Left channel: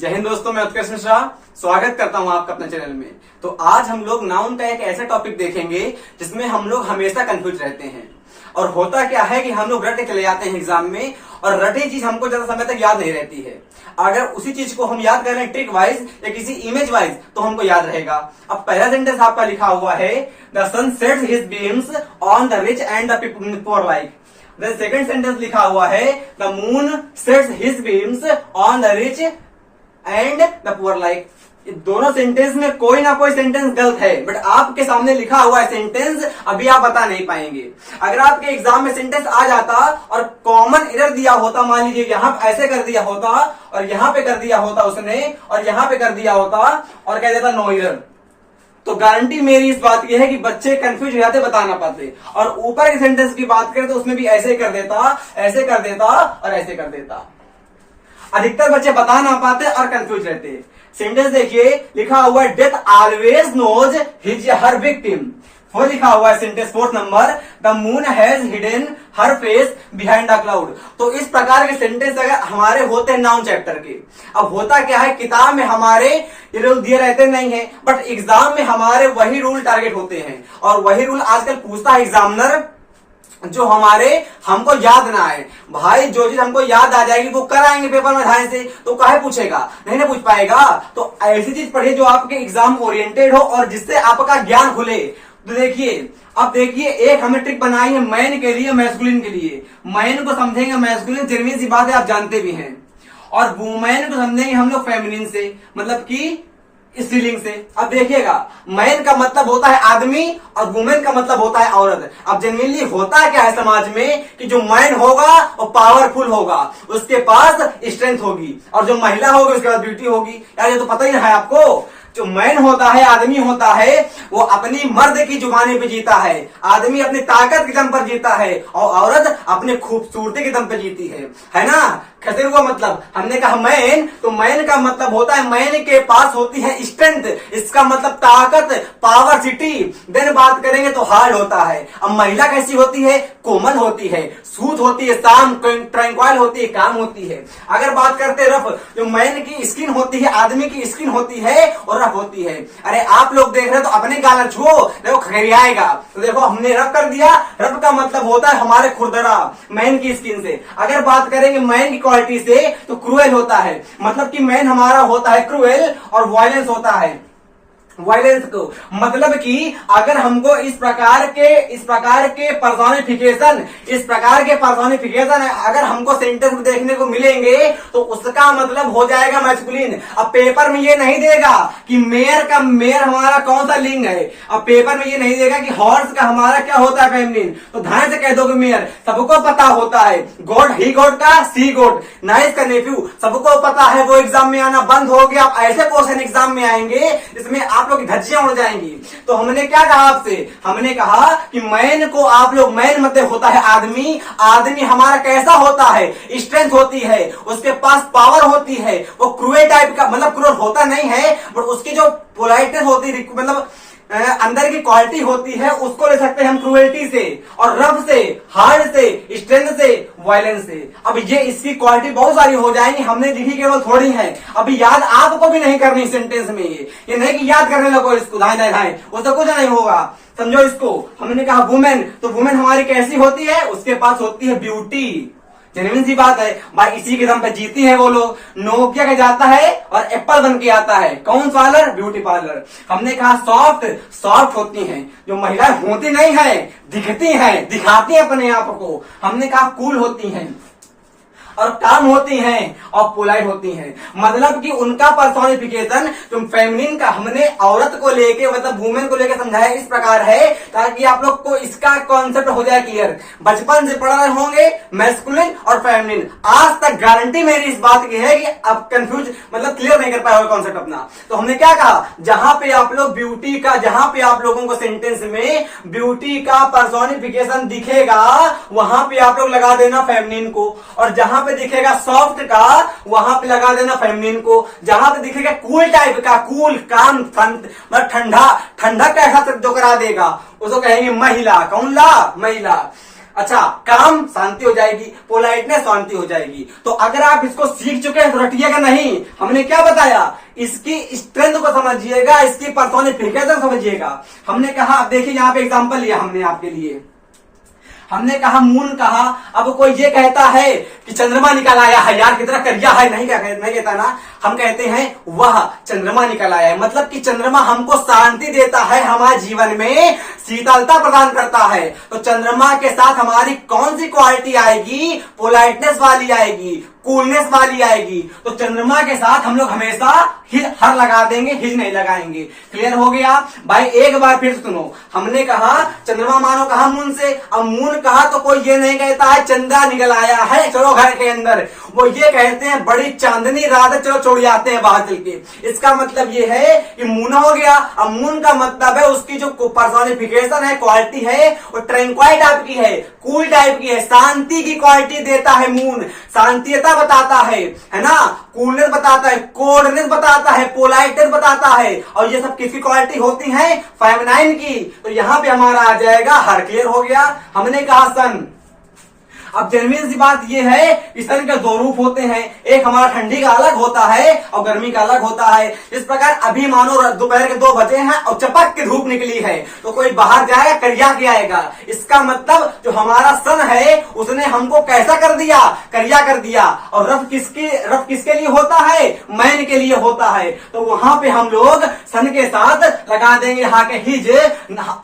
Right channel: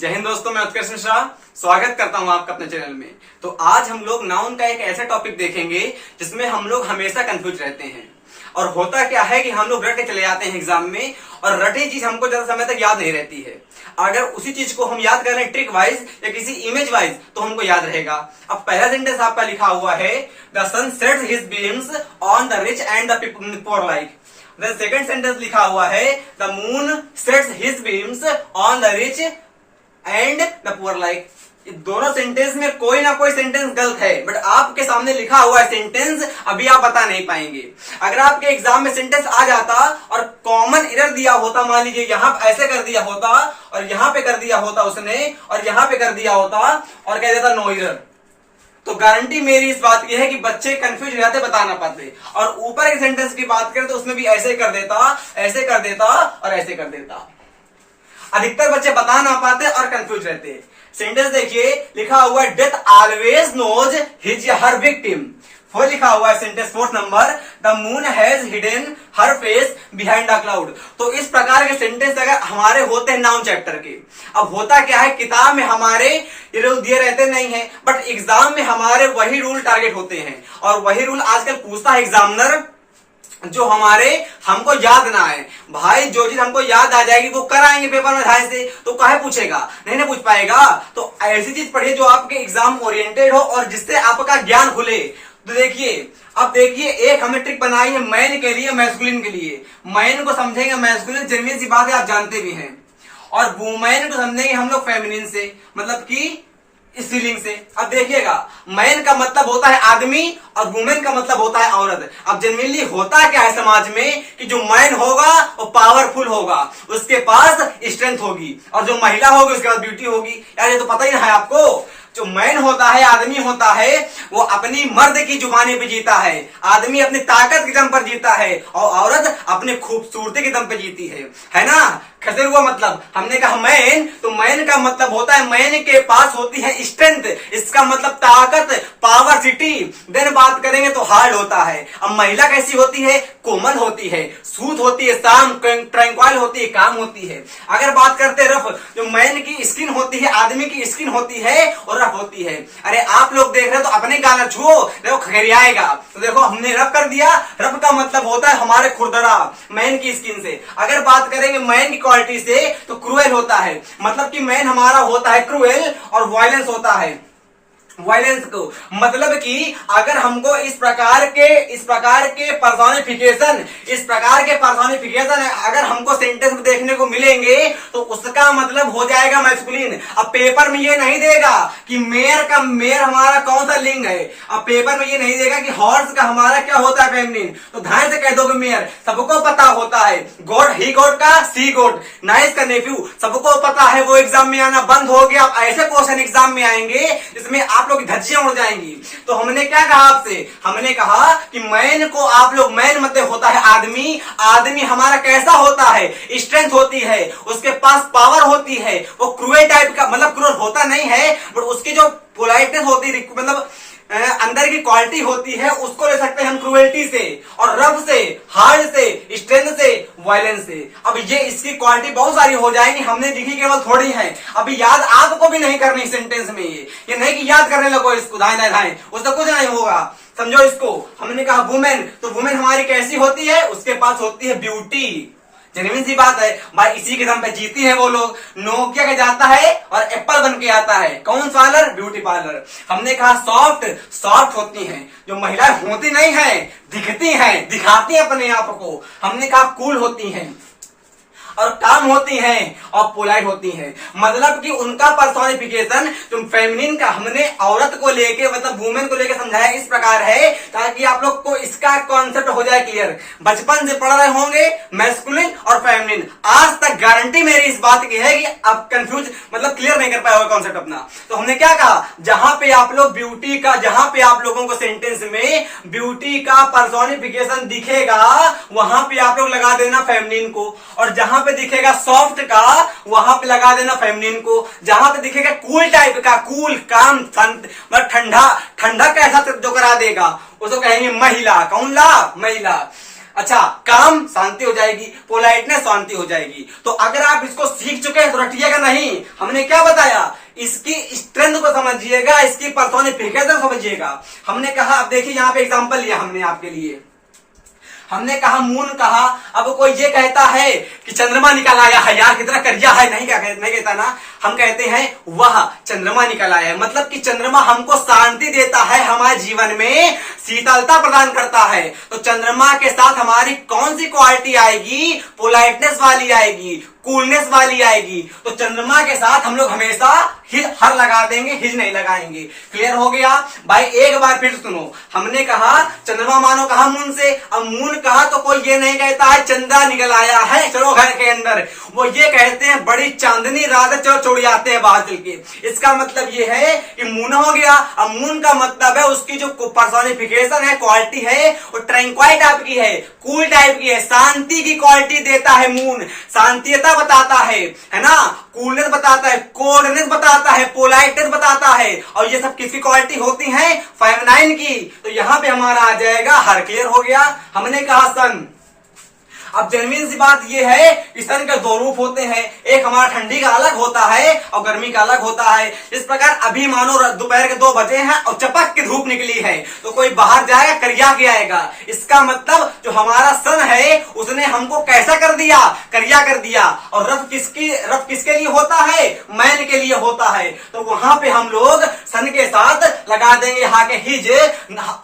जय हिंद दोस्तों, मैं उत्कर्ष मिश्रा स्वागत करता हूं आपका अपने चैनल में। तो आज हम लोग नाउन का एक ऐसा टॉपिक देखेंगे जिसमें हम लोग हमेशा कंफ्यूज रहते हैं। और होता क्या है कि हम लोग रटे चले जाते हैं एग्जाम में, और रटे चीज हमको ज्यादा समय तक याद नहीं रहती है। अगर उसी चीज को हम याद कर रहे हैं ट्रिक वाइज या किसी इमेज वाइज तो हमको याद रहेगा। अब पहला सेंटेंस आपका लिखा हुआ है, the sun sets his beams on the rich and the poor like. The second sentence लिखा हुआ है, the moon sets his beams on the rich and the poor like. दोनों सेंटेंस में कोई ना कोई सेंटेंस गलत है, बट आपके सामने लिखा हुआ है सेंटेंस अभी आप बता नहीं पाएंगे। अगर आपके एग्जाम में सेंटेंस आ जाता और कॉमन एरर दिया होता, मान लीजिए यहां ऐसे कर दिया होता और यहां पे कर दिया होता उसने और यहां पे कर दिया होता और कह देता नो एरर, तो गारंटी मेरी इस बात की है कि बच्चे कंफ्यूज हो जाते, बता ना पाते। और ऊपर एक सेंटेंस की बात करें तो उसमें भी ऐसे कर देता, ऐसे कर देता और ऐसे कर देता। अधिकतर बच्चे बता ना पाते और कंफ्यूज रहते। सेंटेंस देखिए, लिखा हुआ है, death always knows his her victim. वो लिखा हुआ है sentence fourth number, the moon has hidden her face behind the cloud. तो इस प्रकार के सेंटेंस अगर हमारे होते हैं नाउन चैप्टर के, अब होता क्या है, किताब में हमारे ये रूल दिए रहते नहीं है, बट एग्जाम में हमारे वही रूल टारगेट होते हैं। और वही रूल आजकल पूछता है एग्जामिनर जो हमको याद ना आए। भाई जो चीज हमको याद आ जाएगी वो कराएंगे पेपर में ध्यान से, तो काहे पूछेगा, नहीं ना पूछ पाएगा। तो ऐसी चीज पढ़िए जो आपके एग्जाम ओरिएंटेड हो और जिससे आपका ज्ञान खुले। तो देखिए, अब देखिए, एक हमने ट्रिक बनाई है मैन के लिए, मैस्कुलिन के लिए। मैन को समझेंगे मैस्कुलिन, जेन्युइन सी बात है, आप जानते भी हैं। और वुमेन को समझेंगे हम लोग फेमिनिन से, मतलब कि स्त्रीलिंग से। अब देखिएगा, मैन का मतलब होता है आदमी और वुमेन का मतलब होता है औरत। अब जनरली होता क्या है समाज में कि जो मैन होगा वो पावरफुल होगा, उसके पास स्ट्रेंथ होगी, और जो महिला होगी उसके पास ब्यूटी होगी। यार ये तो पता ही ना है आपको। जो मैन होता है, आदमी होता है, वो अपनी मर्द की जुबानी पे जीता है। आदमी अपनी ताकत के दम पर जीता है और औरत अपनी खूबसूरती के दम पे जीती है ना। खसर हुआ मतलब, हमने कहा मैन, तो मैन का मतलब होता है मैन के पास होती है स्ट्रेंथ, इसका मतलब ताकत, पावर, सिटी। देन बात करेंगे तो हार्ड होता है। अब महिला कैसी होती है, कोमल होती है, सूत होती है, शाम ट्रैंक्वाइल होती है, काम होती है। अगर बात करते रफ, जो मैन की स्किन होती है, आदमी की स्किन होती है और रफ होती है। अरे आप लोग देख रहे हैं तो अपने गाल छुओ, देखो खरियाएगा। तो देखो हमने रफ कर दिया, रफ का मतलब होता है हमारे खुरदरा, मैन की स्किन से। अगर बात करेंगे मैन की क्वालिटी से तो क्रूएल होता है, मतलब कि मैन हमारा होता है क्रूएल और वायलेंस होता है। वायलेंस को मतलब कि अगर हमको इस प्रकार के पर्सोनिफिकेशन अगर हमको सेंटेंस में देखने को मिलेंगे तो उसका मतलब हो जाएगा मैस्कुलिन। अब पेपर में ये नहीं देगा कि मेयर हमारा कौन सा लिंग है। अब पेपर में ये नहीं देगा कि हॉर्स का हमारा क्या होता है, फेमिनिन। तो ध्यान से कह दो कि मेयर सबको पता होता है। गॉड, ही गॉड का सी गॉड, नाइस का नेफ्यू, सबको पता है। वो एग्जाम में आना बंद हो गया। अब ऐसे क्वेश्चन एग्जाम में आएंगे जिसमें आप लोग धज्जियां उड़ जाएंगी। तो हमने क्या कहा आपसे, हमने कहा कि मैन को आप लोग, मैन मतलब होता है आदमी। आदमी हमारा कैसा होता है, स्ट्रेंथ होती है, उसके पास पावर होती है। वो क्रूएल टाइप का, मतलब क्रूएल होता नहीं है, बट उसकी जो पोलाइटनेस होती है, मतलब अंदर की क्वालिटी होती है, उसको ले सकते हैं हम क्रूएल्टी से और रफ से, हार्ड से, स्ट्रेंथ से, वायलेंस से। अब ये इसकी क्वालिटी बहुत सारी हो जाएंगी, हमने लिखी केवल थोड़ी है। अभी याद आपको भी नहीं करनी सेंटेंस में, ये नहीं कि याद करने लगो इसको धाए धाए, उससे कुछ नहीं होगा। समझो इसको। हमने कहा वुमेन, तो वुमेन हमारी कैसी होती है, उसके पास होती है ब्यूटी। जेन्युइन सी बात है भाई, इसी के दम पे जीती है वो लोग। नोकिया के जाता है और एप्पल बन के आता है, कौन पार्लर, ब्यूटी पार्लर। हमने कहा सॉफ्ट होती हैं, जो महिलाएं होती नहीं है, दिखती हैं, दिखाती हैं अपने आप को। हमने कहा कूल होती हैं और काम होती हैं और पोलाइट होती हैं, मतलब कि उनका पर्सोनिफिकेशन जो फेमिनिन का हमने औरत को लेके, मतलब वुमेन को लेके समझाया इस प्रकार है ताकि आप लोग को इसका कॉन्सेप्ट हो जाए क्लियर। बचपन से पढ़ रहे होंगे मैस्कुलिन और फेमिनिन, आज तक गारंटी मेरी इस बात की है कि आप कंफ्यूज, मतलब क्लियर नहीं कर पाए होगा कॉन्सेप्ट अपना। तो हमने क्या कहा, जहां पे आप लोग ब्यूटी का, जहां पे आप लोगों को सेंटेंस में ब्यूटी का पर्सोनिफिकेशन दिखेगा वहां पे आप लोग लगा देना फेमिनिन को, और जहां पे दिखेगा सॉफ्ट का वहां पे लगा देना फेमिनिन को। जहां पे दिखेगा कूल टाइप का, कूल, काम, मतलब ठंडा, ठंडा कैसा जो करा देगा उसको कहेंगे महिला। कौन ला, महिला। अच्छा, काम शांति हो जाएगी, पोलाइटनेस शांति हो जाएगी। तो अगर आप इसको सीख चुके हैं तो रटिएगा नहीं। हमने क्या बताया, इसकी स्ट्रेंथ को समझिएगा, इसकी पर्सोनिफिकेशन समझिएगा। हमने कहा, अब देखिए यहाँ पे एग्जांपल लिया हमने आपके लिए, हमने कहा मून कहा। अब कोई ये कहता है कि चंद्रमा निकल आया है, यार कितना करिया है, नहीं कहता ना, हम कहते हैं वह चंद्रमा निकल आया है। मतलब कि चंद्रमा हमको शांति देता है, हमारे जीवन में शीतलता प्रदान करता है। तो चंद्रमा के साथ हमारी कौन सी क्वालिटी आएगी, पोलाइटनेस वाली आएगी, कूलनेस वाली आएगी। तो चंद्रमा के साथ हम लोग हमेशा हर लगा देंगे, हिज नहीं लगाएंगे। क्लियर हो गया भाई? एक बार फिर सुनो, हमने कहा चंद्रमा मानो कहा मून से। अब मून कहा तो कोई ये नहीं कहता है चंद्रा निकल आया है चलो घर के अंदर, वो ये कहते हैं बड़ी चांदनी रात चलो छोड़ आते हैं बाहर चल के। इसका मतलब ये है कि मून हो गया। अब मून का मतलब है उसकी जो पर्सोनिफिकेशन है, क्वालिटी है, वो ट्रैंक्वाइल टाइप की है, कूल टाइप की है, शांति की क्वालिटी देता है मून। शांतियता बताता है ना, कूलनेस बताता है, कोल्डनेस बताता है, पोलाइटनेस बताता है। और ये सब किसकी क्वालिटी होती है, फेमिनाइन की। तो यहां पे हमारा आ जाएगा हर। क्लियर हो गया? हमने कहा सन। अब जेन्युइन सी बात यह है कि सन के दो रूप होते हैं, एक हमारा ठंडी का अलग होता है और गर्मी का अलग होता है। इस प्रकार अभी मानो दोपहर के 2 बजे हैं और चपक की धूप निकली है, तो कोई बाहर जाएगा करिया के आएगा। इसका मतलब जो हमारा सन है उसने हमको कैसा कर दिया, करिया कर दिया। और रफ किसके लिए होता है, मैन के लिए होता है। तो वहां पे हम लोग सन के साथ लगा देंगे हा के हिज।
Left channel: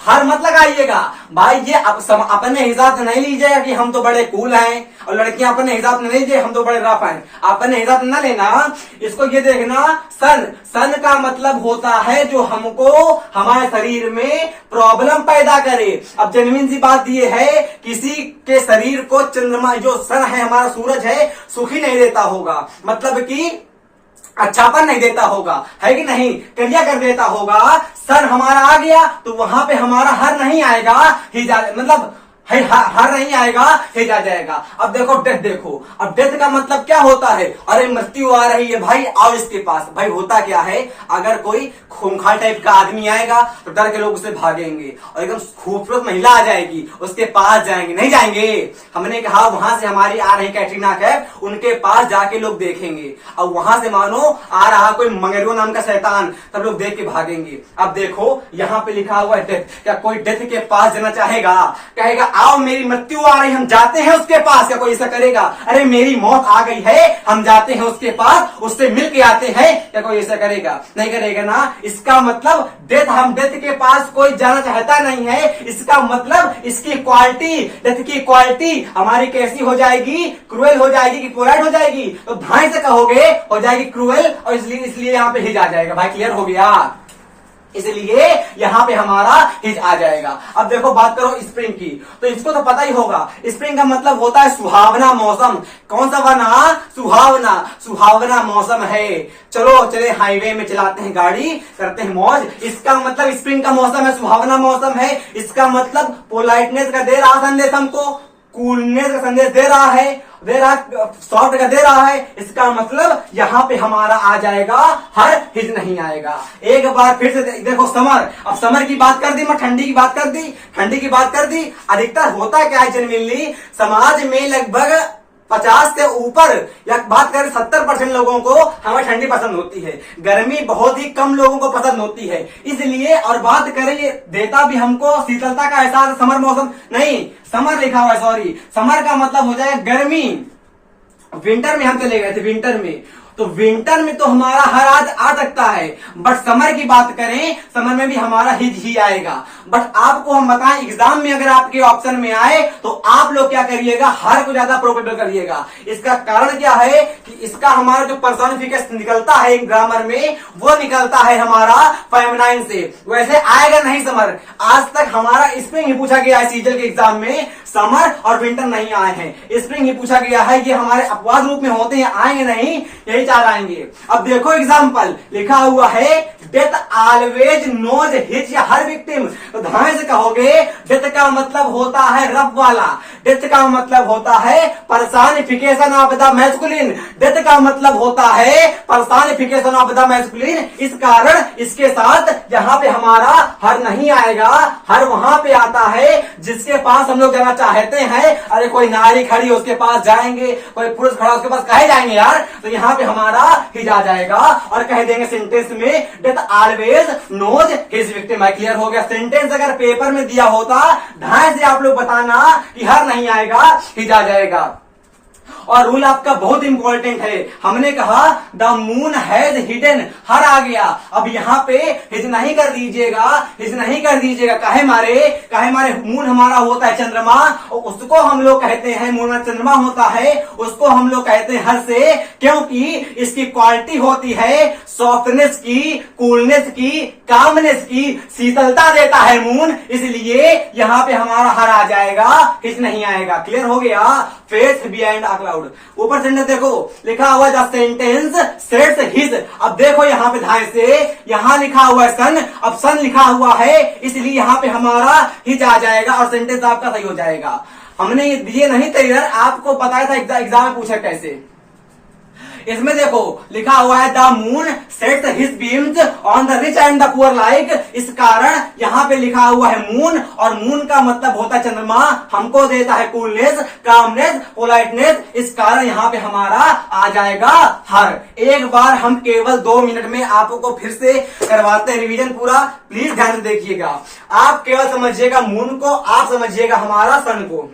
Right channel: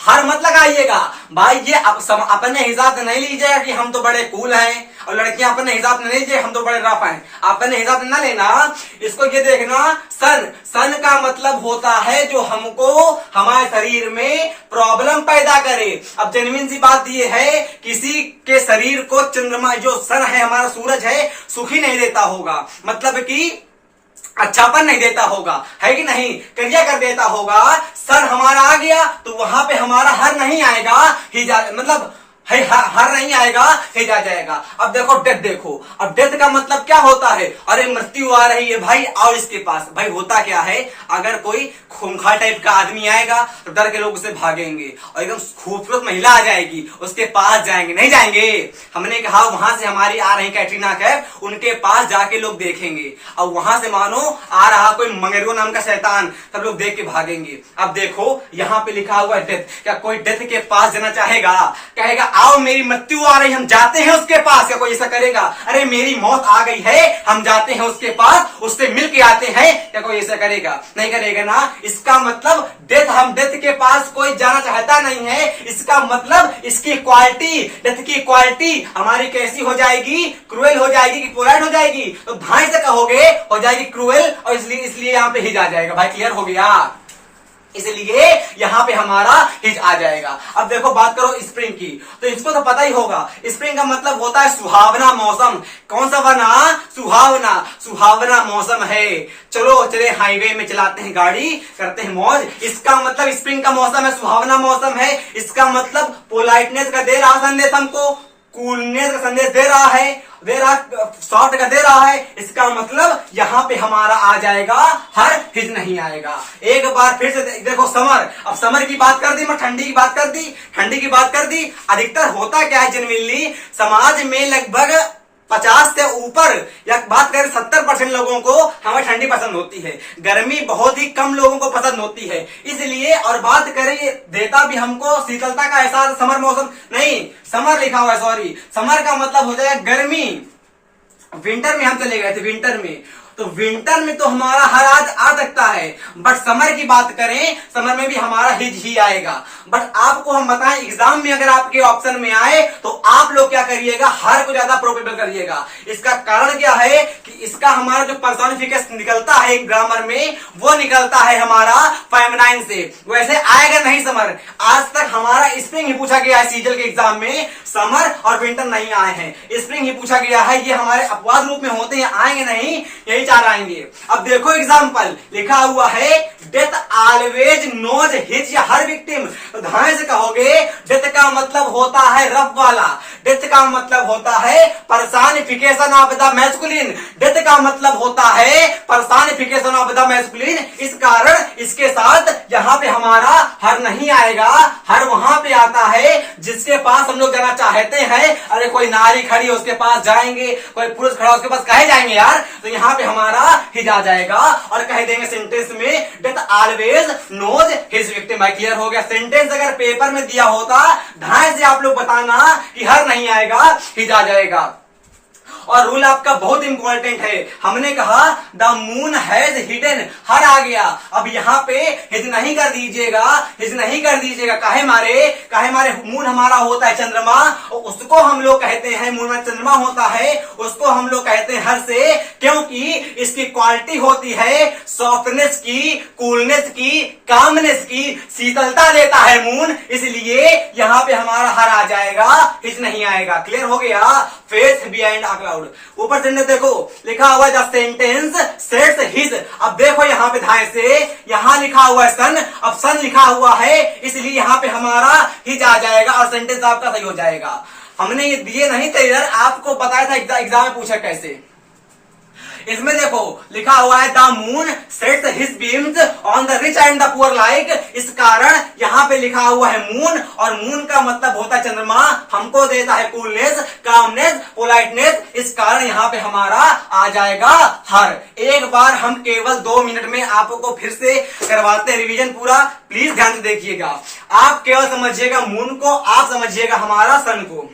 हर मत लगाइएगा भाई, ये अपने हिसाब से नहीं लीजिएगा कि हम तो बड़े कूल हैं, और लड़कियां अपने हिसाब से नहीं लीजिए हम तो बड़े रफ हैं, अपने हिसाब से ना लेना। इसको ये देखना, सन का मतलब होता है जो हमको हमारे शरीर में प्रॉब्लम पैदा करे। अब जेन्युइन सी बात ये है, किसी के शरीर को चंद्रमा जो सन है हमारा सूरज है सुखी नहीं देता होगा, मतलब कि अच्छापन नहीं देता होगा, है कि नहीं, क्रिया कर देता होगा। सन हमारा आ गया तो वहां पे हमारा हर नहीं आएगा, मतलब हर नहीं आएगा, हिज आ जाएगा। अब देखो डेथ, देखो अब डेथ का मतलब क्या होता है, अरे मृत्यु आ रही है भाई आओ इसके पास। भाई होता क्या है, अगर कोई खूंखार टाइप का आदमी आएगा तो डर के लोग उसे भागेंगे, और एकदम खूबसूरत महिला आ जाएगी उसके पास जाएंगे, नहीं जाएंगे। हमने कहा वहां से हमारी आ रही कैटरीना कैफ, उनके पास जाके लोग देखेंगे, और वहां से मानो आ रहा कोई मंगेरो नाम का शैतान, तब लोग देख के भागेंगे। अब देखो यहाँ पे लिखा हुआ है डेथ, क्या कोई डेथ के पास जाना चाहेगा, कहेगा आओ मेरी मृत्यु आ रही हम जाते हैं उसके पास, क्या कोई ऐसा करेगा? अरे मेरी मौत आ गई है हम जाते हैं उसके पास, उससे मिल के आते हैं, क्या कोई ऐसा करेगा? नहीं करेगा ना। इसका मतलब हम डेथ के पास कोई जाना चाहता नहीं है। इसका मतलब इसकी क्वालिटी, डेथ की क्वालिटी हमारी कैसी हो जाएगी, क्रूएल हो जाएगी कि पोलाइट हो जाएगी? तो भाई से कहोगे हो जाएगी क्रूएल, और इसलिए यहाँ पे हिज आ जाएगा। भाई क्लियर हो गया? इसलिए यहां पे हमारा हिज आ जाएगा। अब देखो बात करो स्प्रिंग की, तो इसको तो पता ही होगा, स्प्रिंग का मतलब होता है सुहावना मौसम। कौन सा बना, सुहावना मौसम है। चलो चले हाईवे में चलाते हैं गाड़ी, करते हैं मौज। इसका मतलब स्प्रिंग का मौसम है, सुहावना मौसम है। इसका मतलब पोलाइटनेस का दे रहा संदेश हमको, कूलनेस का संदेश दे रहा है, सॉफ्ट का दे रहा है। इसका मतलब यहां पे हमारा आ जाएगा हर, हिज नहीं आएगा। एक बार फिर से देखो समर। अब समर की बात कर दी, मैं ठंडी की बात कर दी, अधिकतर होता क्या है जेन्युइनली समाज में लगभग 50 से ऊपर या बात करें 70% लोगों को हमें ठंडी पसंद होती है, गर्मी बहुत ही कम लोगों को पसंद होती है। इसलिए और बात करें देता भी हमको शीतलता का एहसास समर मौसम, नहीं समर लिखा हुआ है, सॉरी समर का मतलब हो जाएगा गर्मी। विंटर में हम चले गए थे, विंटर में तो विंटर में तो हमारा हर आज आ सकता है, बट समर की बात करें समर में भी हमारा हिज ही आएगा। बट आपको हम बताएं एग्जाम में अगर आपके ऑप्शन में आए तो आप लोग क्या करिएगा, हर को ज्यादा प्रोबेबल करिएगा। इसका कारण क्या है कि इसका हमारा जो पर्सोनिफिकेशन निकलता है ग्रामर में वो निकलता है हमारा फेमिनाइन से, वैसे आएगा नहीं समर। आज तक हमारा स्प्रिंग ही पूछा गया है सीजल के एग्जाम में, समर और विंटर नहीं आए हैं, स्प्रिंग ही पूछा गया है। ये हमारे अपवाद रूप में होते हैं, आएंगे नहीं, यही चार आएंगे। अब देखो एग्जाम्पल लिखा हुआ है डेथ ऑलवेज नोज हिज या हर विक्टिम। तो ध्यान से कहोगे डेथ का मतलब होता है रफ वाला, डेथ का मतलब होता है personification of the masculine, death का मतलब होता है पर्सनिफिकेशन ऑफ द मैस्कुलिन। इस कारण इसके साथ यहाँ पे हमारा हर नहीं आएगा, हर वहां पे आता है जिसके पास हम लोग जाना चाहते हैं। अरे कोई नारी खड़ी है उसके पास जाएंगे, कोई पुरुष खड़ा उसके पास कहे जाएंगे यार, तो यहाँ पे हमारा हिज आ जाएगा और कह देंगे सेंटेंस में death always knows his victim. Clear हो गया। सेंटेंस अगर पेपर में दिया होता ध्यान से आप लोग बताना कि हर नहीं आएगा, हिज आ जाएगा। और रूल आपका बहुत इंपॉर्टेंट है। हमने कहा द मून हैज हिडन, हर आ गया। अब यहाँ पे हिज नहीं कर दीजिएगा, हिज नहीं कर दीजिएगा। काहे मारे मून हमारा होता है चंद्रमा, और उसको हम लोग कहते हैं, मून में चंद्रमा होता है उसको हम लोग कहते हैं हर से, क्योंकि इसकी क्वालिटी होती है सॉफ्टनेस की, कूलनेस की, कामनेस की, शीतलता देता है मून, इसलिए यहाँ पे हमारा हर आ जाएगा, हिज नहीं आएगा। क्लियर हो गया। Face behind a cloud. ऊपर सेंटेंस देखो लिखा हुआ द सेंटेंस सेट्स हिज। अब देखो यहाँ पे ध्यान से, यहाँ लिखा हुआ है सन, अब सन लिखा हुआ है इसलिए यहाँ पे हमारा हिज आ जाएगा और सेंटेंस आपका सही हो जाएगा। हमने ये दिए नहीं थे इधर, आपको बताया था एग्जाम में पूछा कैसे। इसमें देखो लिखा हुआ है the moon sets his beams on the rich and the poor like. इस कारण यहाँ पे लिखा हुआ है मून, और मून का मतलब होता है चंद्रमा, हमको देता है कूलनेस, कामनेस, पोलाइटनेस। इस कारण यहाँ पे हमारा आ जाएगा हर। एक बार हम केवल 2 मिनट में आपको फिर से करवाते हैं रिवीजन पूरा, प्लीज ध्यान से देखिएगा। आप केवल समझिएगा मून को, आप समझिएगा हमारा सन को,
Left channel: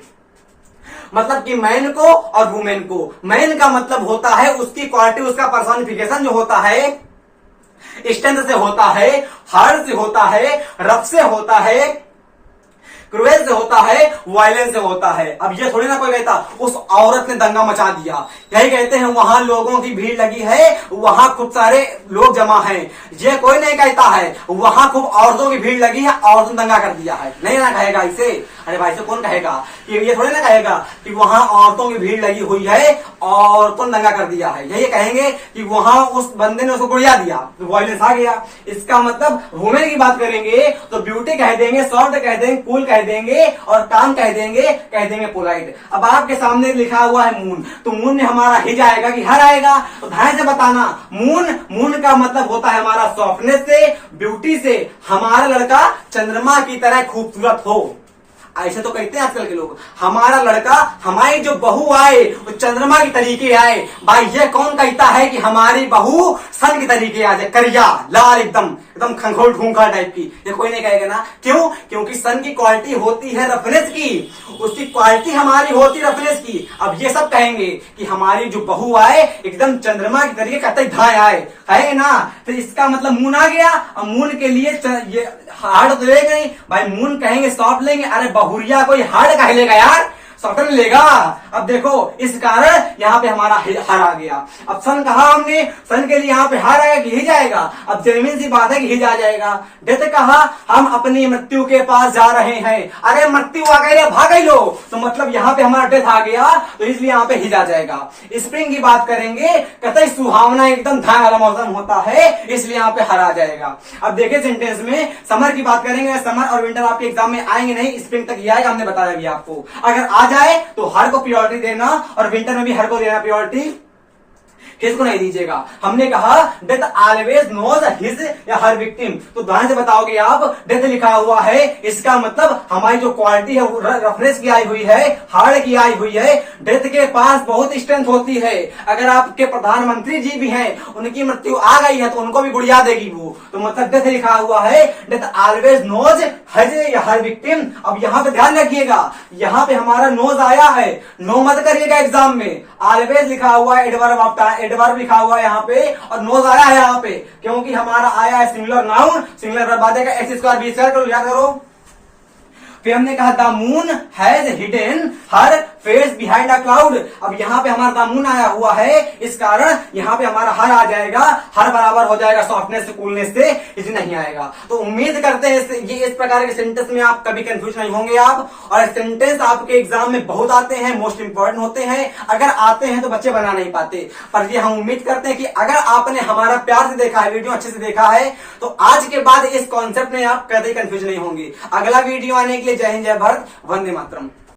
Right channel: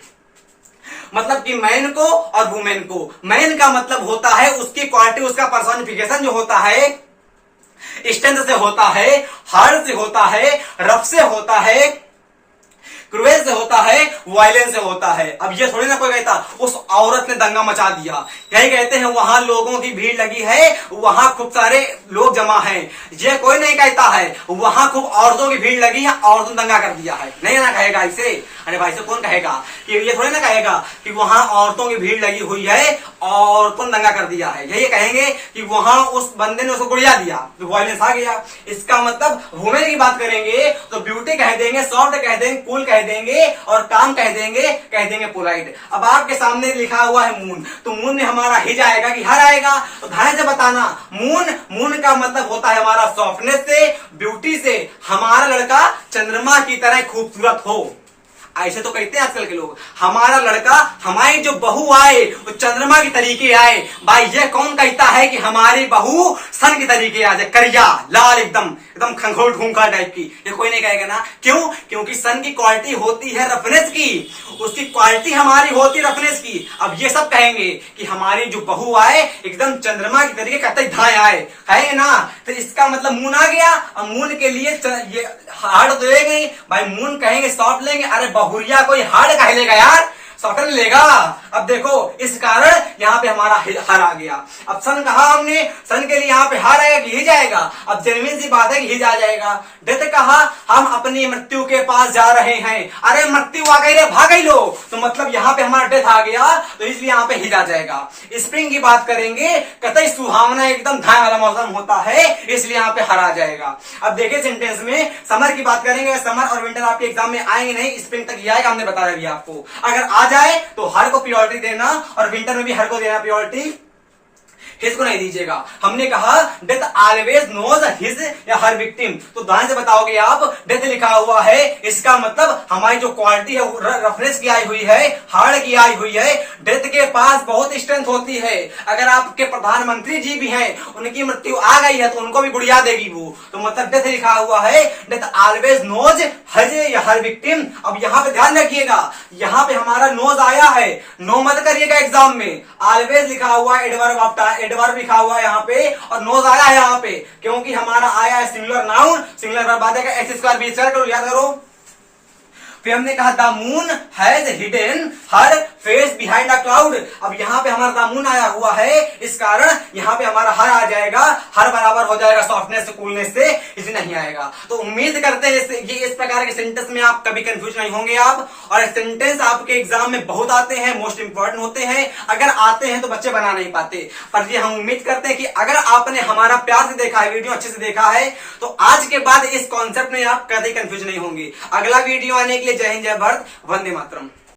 मतलब कि मैन को और वुमेन को। मैन का मतलब होता है उसकी क्वालिटी, उसका पर्सोनिफिकेशन जो होता है स्ट्रेंथ से होता है, हार्ड से होता है, रफ से होता है, क्रूएल से होता है, वायलेंस से होता है। अब ये थोड़ी ना कोई कहता उस औरत ने दंगा मचा दिया, यही कहते हैं वहां लोगों की भीड़ लगी है, वहां खूब सारे लोग जमा हैं। ये कोई नहीं कहता है वहां खूब औरतों की भीड़ लगी है, औरतों ने दंगा कर दिया है, नहीं ना कहेगा इसे। अरे भाई से कौन कहेगा कि ये थोड़ी ना कहेगा कि वहां औरतों की भीड़ लगी हुई है, औरतों ने दंगा कर दिया है। यही कहेंगे कि वहां उस बंदे ने उसको गुड़िया दिया तो वायलेंस आ गया। इसका मतलब वुमेन की बात करेंगे तो ब्यूटी कह देंगे, सॉफ्ट कह देंगे, कूल कह देंगे, और काम कह देंगे पोलाइट। अब आपके सामने लिखा हुआ है मून, तो मून में हमारा हिज आएगा कि हर आएगा। तो ध्यान से बताना, मून का मतलब होता है हमारा सॉफ्टनेस से, ब्यूटी से, हमारा लड़का चंद्रमा की तरह खूबसूरत हो। ऐसे तो कहते हैं आजकल के लोग, हमारा लड़का, हमारी जो बहू आए वो चंद्रमा की तरीके आए। भाई ये कौन कहता है कि हमारी बहू सन की तरीके आ जाए, करिया लाल एकदम एकदम खंघोल ढूंढा टाइप की? ये कोई नहीं कहेगा ना। क्यों? क्योंकि सन की क्वालिटी होती है रफनेस की, उसकी क्वालिटी हमारी होती है रफनेस की। अब ये सब कहेंगे कि हमारी जो बहू आए एकदम चंद्रमा की तरीके कतई धाए आए, कहेंगे ना, तो इसका मतलब मून आ गया। अब मून के लिए ये हार्ड तो लेंगे नहीं भाई, मून कहेंगे सॉफ्ट लेंगे। अरे बहुरिया कोई हार्ड कह लेगा यार, सॉफ्ट लेगा। अब देखो इस कारण यहाँ पे हमारा हर आ गया। अब सन कहा हमने, सन के लिए यहाँ पे हर आएगा कि हिज आएगा। अब जेन्युइन सी बात है कि हिज आ जाएगा। डेथ कहा हम अपनी मृत्यु के पास जा रहे हैं, अरे मृत्यु आ गई, भाग गई लो, तो मतलब यहाँ पे हमारा डेथ आ गया, तो इसलिए यहाँ पे हिज आ जाएगा। स्प्रिंग की बात करेंगे, कतई सुहावना एकदम धान वाला मौसम होता है, इसलिए यहाँ पे हर आ जाएगा। अब देखिए सेंटेंस में समर की बात करेंगे, समर और विंटर आपके एग्जाम में आएंगे नहीं, स्प्रिंग तक ही आएगा, हमने बताया भी आपको। अगर आ जाए तो हर को प्रायोरिटी देना, और विंटर में भी हर को देना प्रायोरिटी, हिज को नहीं दीजिएगा। हमने कहा डेथ ऑलवेज नोज हिज या हर विक्टिम, तो ध्यान से बताओगे आप, डेथ लिखा हुआ है, इसका मतलब हमारी जो क्वालिटी है वो रफनेस की आई हुई है, हार्ड की आई हुई है। डेथ के पास बहुत स्ट्रेंथ होती है। अगर आपके प्रधानमंत्री जी भी हैं, उनकी मृत्यु आ गई है तो उनको भी गुड़िया देगी वो, तो मतलब डेथ लिखा हुआ है, डेथ ऑलवेज नोज हज या हर विक्टिम। अब यहाँ पे ध्यान रखिएगा, यहाँ पे हमारा नोज आया है, नो मत करिएगा एग्जाम में। ऑलवेज लिखा हुआ है, एडवर्ब ऑफ एडवर्ब लिखा हुआ है यहाँ पे, और नोज आया है यहाँ पे क्योंकि हमारा आया है सिंगुलर नाउन, सिंगुलर वर्ब आ जाएगा, एक्स स्क्वायर बी स्क्वायर करो, याद करो। फिर हमने कहा the moon has hidden her face behind a cloud. अब यहाँ पे हमारा दामून आया हुआ है, इस कारण यहाँ पे हमारा हर आ जाएगा, हर बराबर हो जाएगा सॉफ्टनेस से कूलनेस से, इसे नहीं आएगा। तो उम्मीद करते हैं ये इस प्रकार के सेंटेंस में आप कभी कंफ्यूज नहीं होंगे आप। और सेंटेंस आपके एग्जाम में बहुत आते हैं, मोस्ट इंपॉर्टेंट होते हैं। अगर आते हैं तो बच्चे बना नहीं पाते, पर ये हम उम्मीद करते हैं कि अगर आपने हमारा प्यार से देखा है, वीडियो अच्छे से देखा है, तो आज के बाद इस कॉन्सेप्ट में आप कभी कंफ्यूज नहीं होंगे। अगला वीडियो आने के लिए जय हिंद, जय भारत, वंदे मातरम।